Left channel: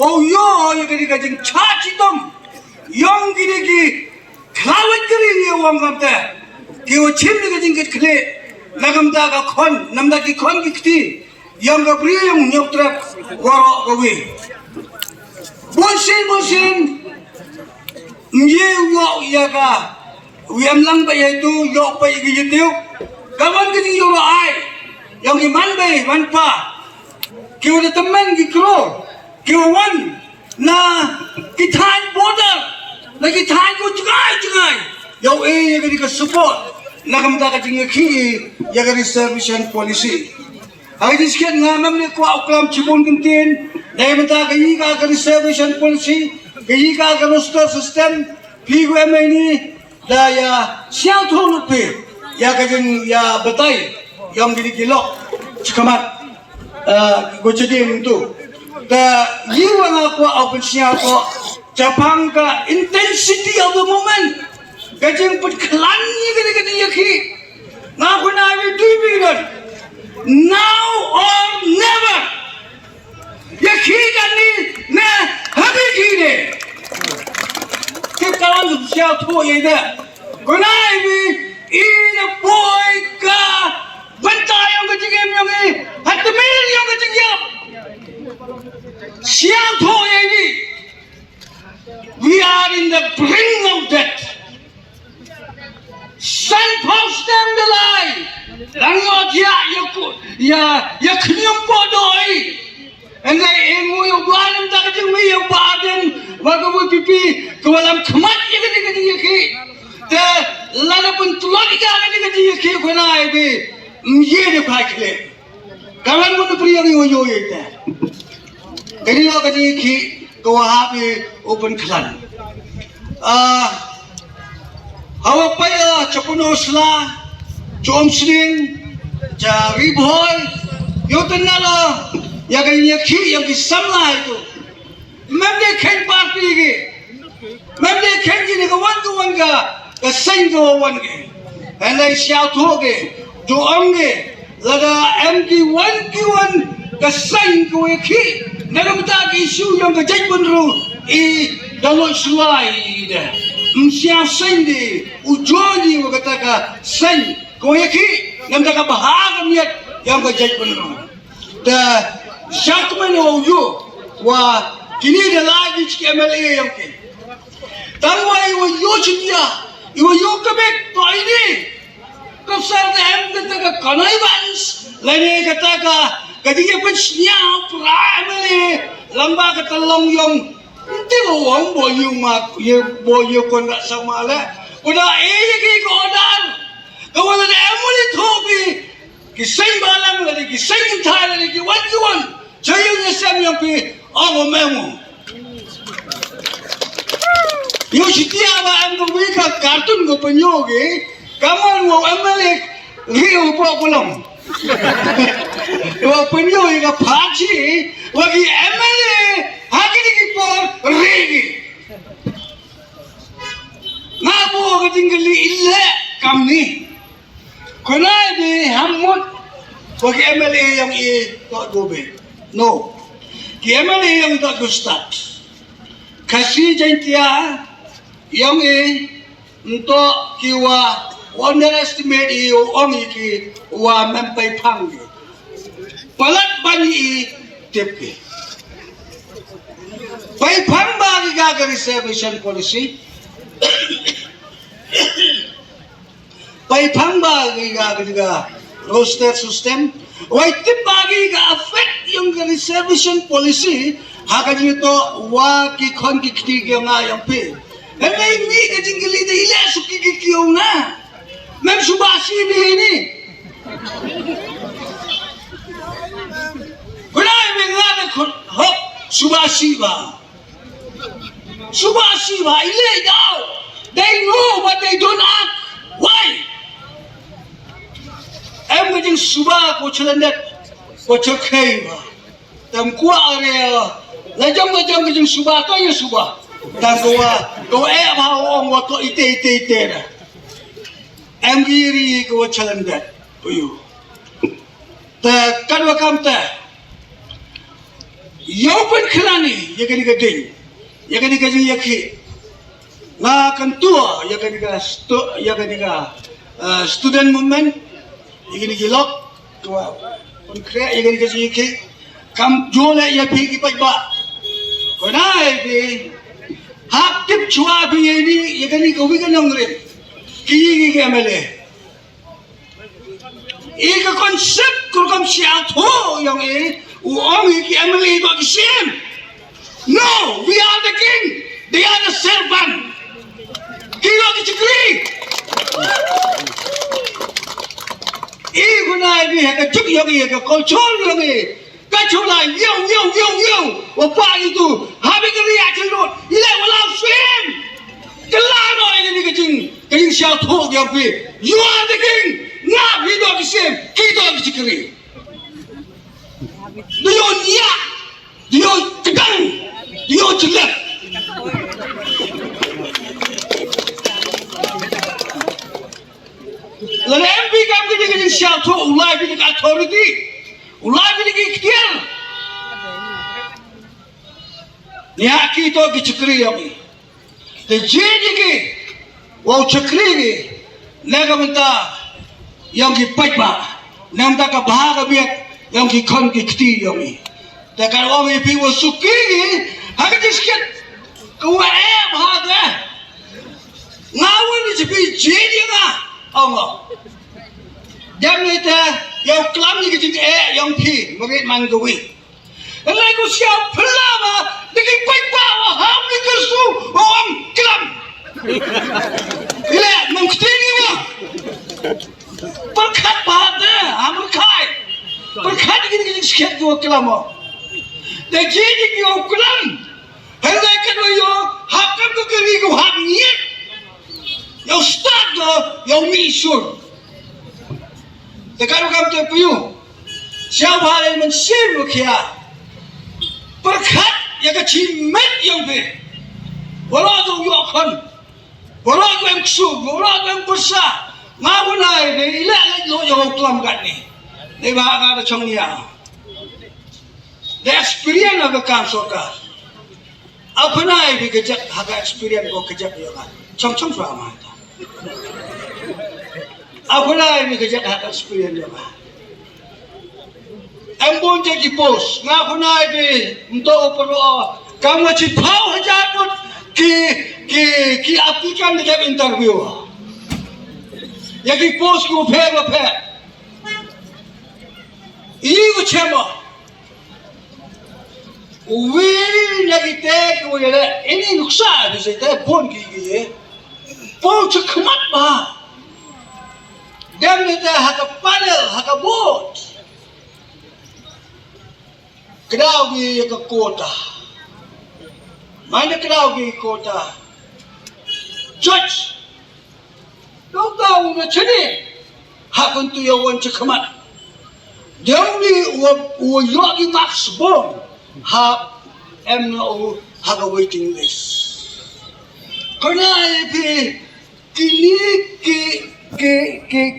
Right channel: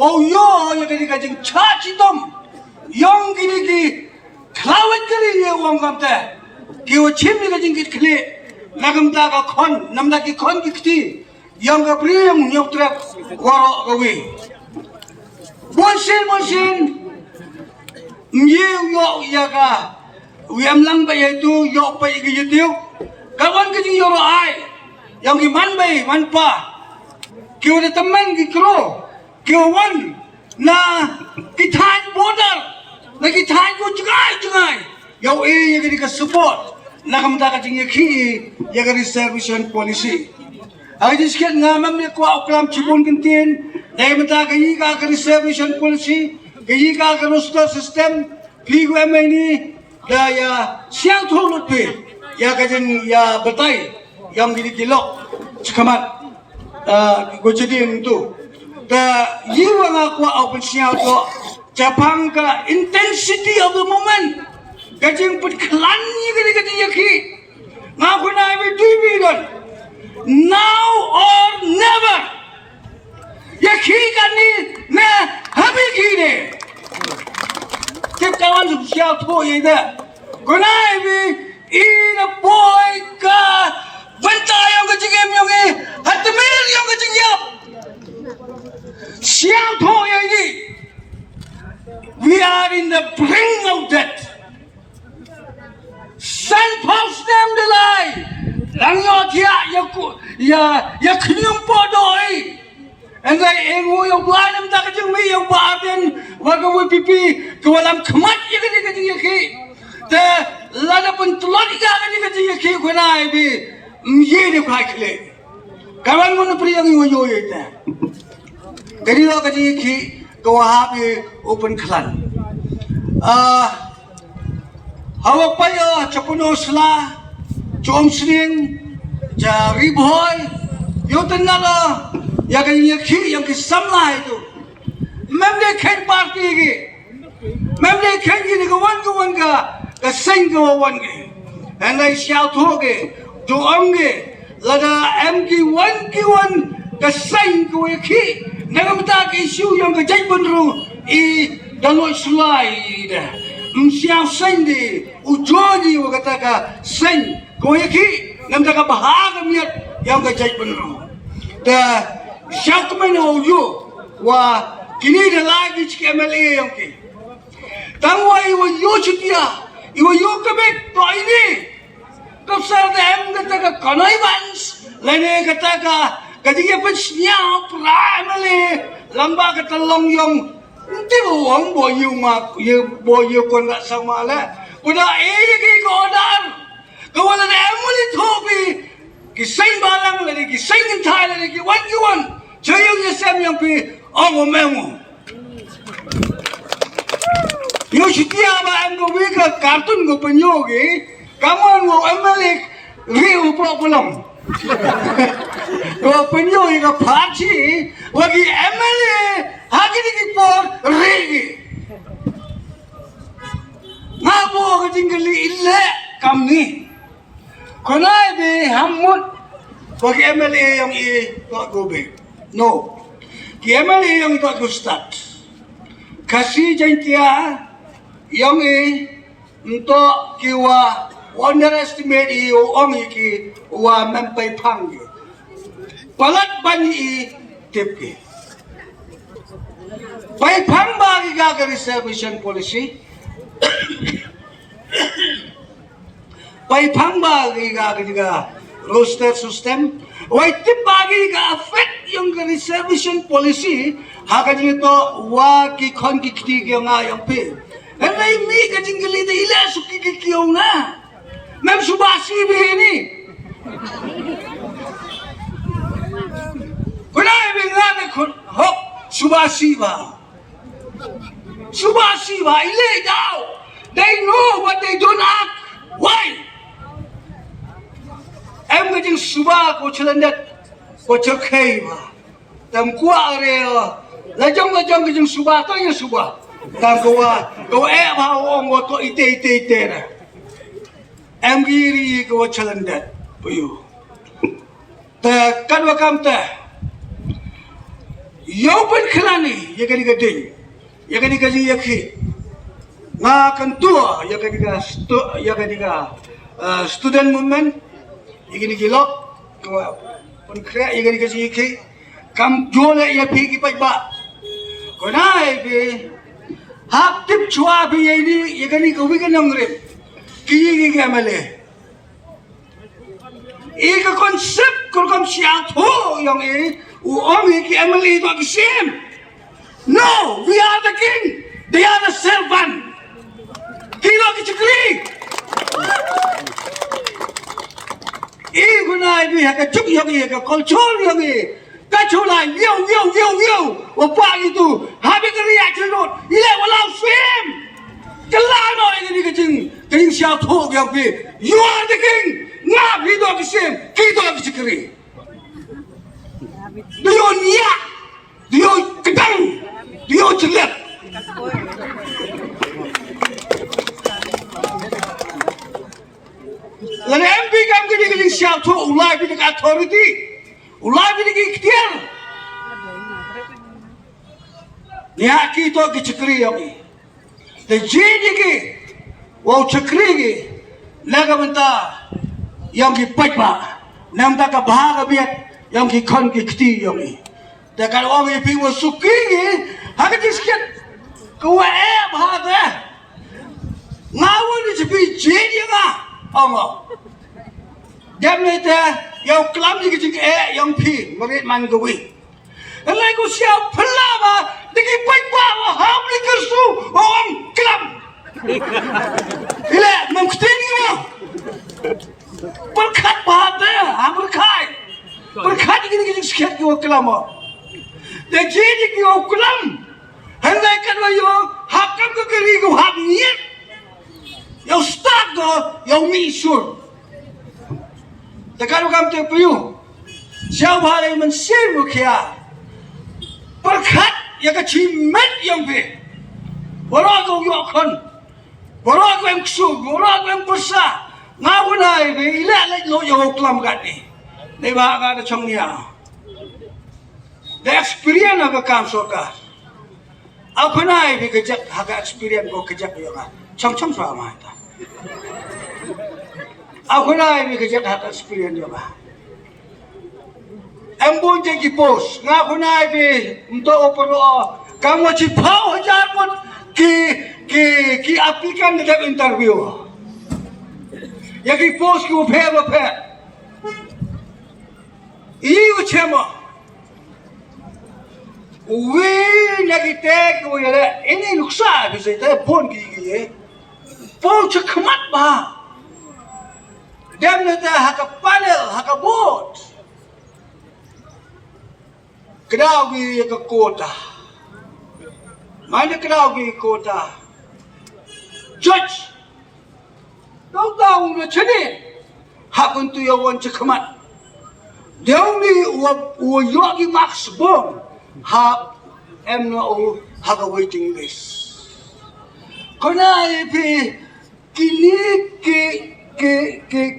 oh yo yang kini kajing caci tom yang kini ki kelawat kiri ni orang kamta kiwa cim ni kajing kit kle lagam ta ka kon namda ki kon ki kti yang ka pri yang nyok trap waro kawi bonsin ye yo ya ka wiam lang ba itu yo pa igi yitiu kawan kajing yo ai yang ki man bay man pa kiwa de teman ki kro kiwa wan na ki thai border na ki thai ko jungai yo ya ka support lagam ta kajing iakhih ya ka reservation policy ay disket nga mam ne ko uklam chibon kintin dai mata ka reservation policy ka roster system pigo ni da ya siang thong pe ya kajing ya betai yang diri kilok cikamat go jadi itu da yiwa nga ko open siang ko Japang ka intensity of the moment kajing put klan ni kadi iakhih nga ko na bi tuibidon now or never iakhih kani na habi kine kip kawan siang tho ye da ko na bi ina boy ka banta yang kajing yang hat mil yang kajing yap siang tho ye ni we are in the brink of death. Sun post them the lie. Lang yo tia ya knyum podoi. And they engu yo buanem ta kajing mi yo baden wagawu pipi kawalam khamat ye kadi iakhih. The lada pun tulori ka kadi iakhih khonai bi ye de khakle. Kawan mun priyang yo ye ta. Kadi yo kadi iakhih kawahabi open klan. Awak paya capuno sla, com sling, cari boy, yo tenala, ya kan iakhih yang kisamla itu. Memang khen parti ke, memang khen ini kawan ka sing kawan ke, andai siapa tu ke, doang ke, lada MK1 ka sing kawan iakhih, negam tak isu yang kejai benru, daloi slide. Siap sendi, ujoni kata ka seng, kau iakhih, nampak ka bahag miat yang kejai benar. Dah siap mana oyu, wah kini dah lagi cik MLA yang ke. Tangwa iwa yo citia, iwa yo kebek to ini. Kapsar dah kata ka kanai bans, lain kata ka kadinya pun siap MLA, lamba kata long yong. Nanti orang boyu kon tak sama lah. Udah ki kodar. Kau ada emuli thobi. Kisah balang lagi, kisah kental lagi. Wan. Cayunya sem yang pi orang memu. Yo sitia ba ang wika kartun go penyogi. Kamu mau emuli riu pulang. Dua penyogi ka parti. Wagi emuli. Hagi ni kipor regi. Ngabu ketinggali illa kam ni. Konai be hamut bagi MLA yang tak gobe. No. Ki MLA yang tak gustat. Kasih jantia yang untuk kiwa underestimate orang iki wa mempai pangge. Palat bani tepke. Pai phamba ki reservation policy pai phamba ki roster system wai tipagi ka affect yung reservation policy hakaji to wa ki khon ki khti ge nga yang pe henai mi ka jingli de ila suki ki kiyo na mem subasi bi ni kunai bi nga de hok subasi ba ilay daw. They know but they don't act. Why? Em cái chừng suba của chân đất của chân khay mà tầm qua rồi lấy trong cái chừng suba tôi như suba tầm cô em hao ông của tôi ite nè em ghi của chân đất bây giờ ta cắt vào cam ta Yopen kelani, ya kan gading, ya kan gaji iakhih, nga kantua, ya kan student movement, ya kan gilok, pun kaya ya kan gaji iakhih, kam jola ya pergi ba, konai be, hak tip cua be ini, ya kan kawi kan nongrim, kiri male. Ika konsep kurang siap tu yang uang iki emily got the same. No, we are the king. They are the servant. King of the chakri. Iku na ini hak cuk yang ini, hak kontrol yang ini. Kacau lah, yo. Apa itu? Habis kerja celur. Ia walau swim. Kelano ini kecing siap tu yang pi. You are the king. Ngap hidup di sini, kita di cikri. Dia niat, dia kedang, dia jelek. Lalu MP kam kini siap tu, ulai pilih authority, ulai pilih ikhtiar. Niat kita di cikri yang ini. Dan jadi ki, wau cikri ni, lega mentah. Yang kipat ba, nam tak bahag biat, yang kikon kikti yang ni. Tapi orang ini piwa suki ni, hak disket, kau bahag eh, ngawal ni sepi jadi ngah, orang. Jam ni yang kelam ni kecik yang pi, merit man gawi. Alai kau siap pelama, dikipat ba, ham ni kersu, orang kelam. Ile, mungkin ni ba. Berkat bahagia, berkat ini sekian kau kelam. Dan jadi kau kelam, hendak kau yo hakam kau kiri kau hak niat, yo start kau yo misur. Tekan kau terpiu, siapa hari mensir mukia, berkat yang kecimet yang be, walau kau yo kon, walau kau yang kusuk, walau kau yang besar. Ngawunai be ila lo yo kelam kat ni. Ni ba ka chong nia. The experience of the council ka. Apunai be kejak hak experience ko kejak yo ka. Chong swa ma ta. Apunai be kejak hak experience yo ka. Ambon je post ngapunai be untuk opero kamu ci pau hajar pun ki aplikan dekat interview. Yang post ko phe. Iu chema. We lagi tek ko yale ini nuksa di sini pon ki pon cekmat ba. Dem neta hak panel hak bot. Kedau ki ke kota. Mana kedau ki kota. Judge. Kau tahu na cini, hakun tu yang wan cekamat. Dia ni yogi max bom, hak emna hak waiting list. Kena ipi kini ke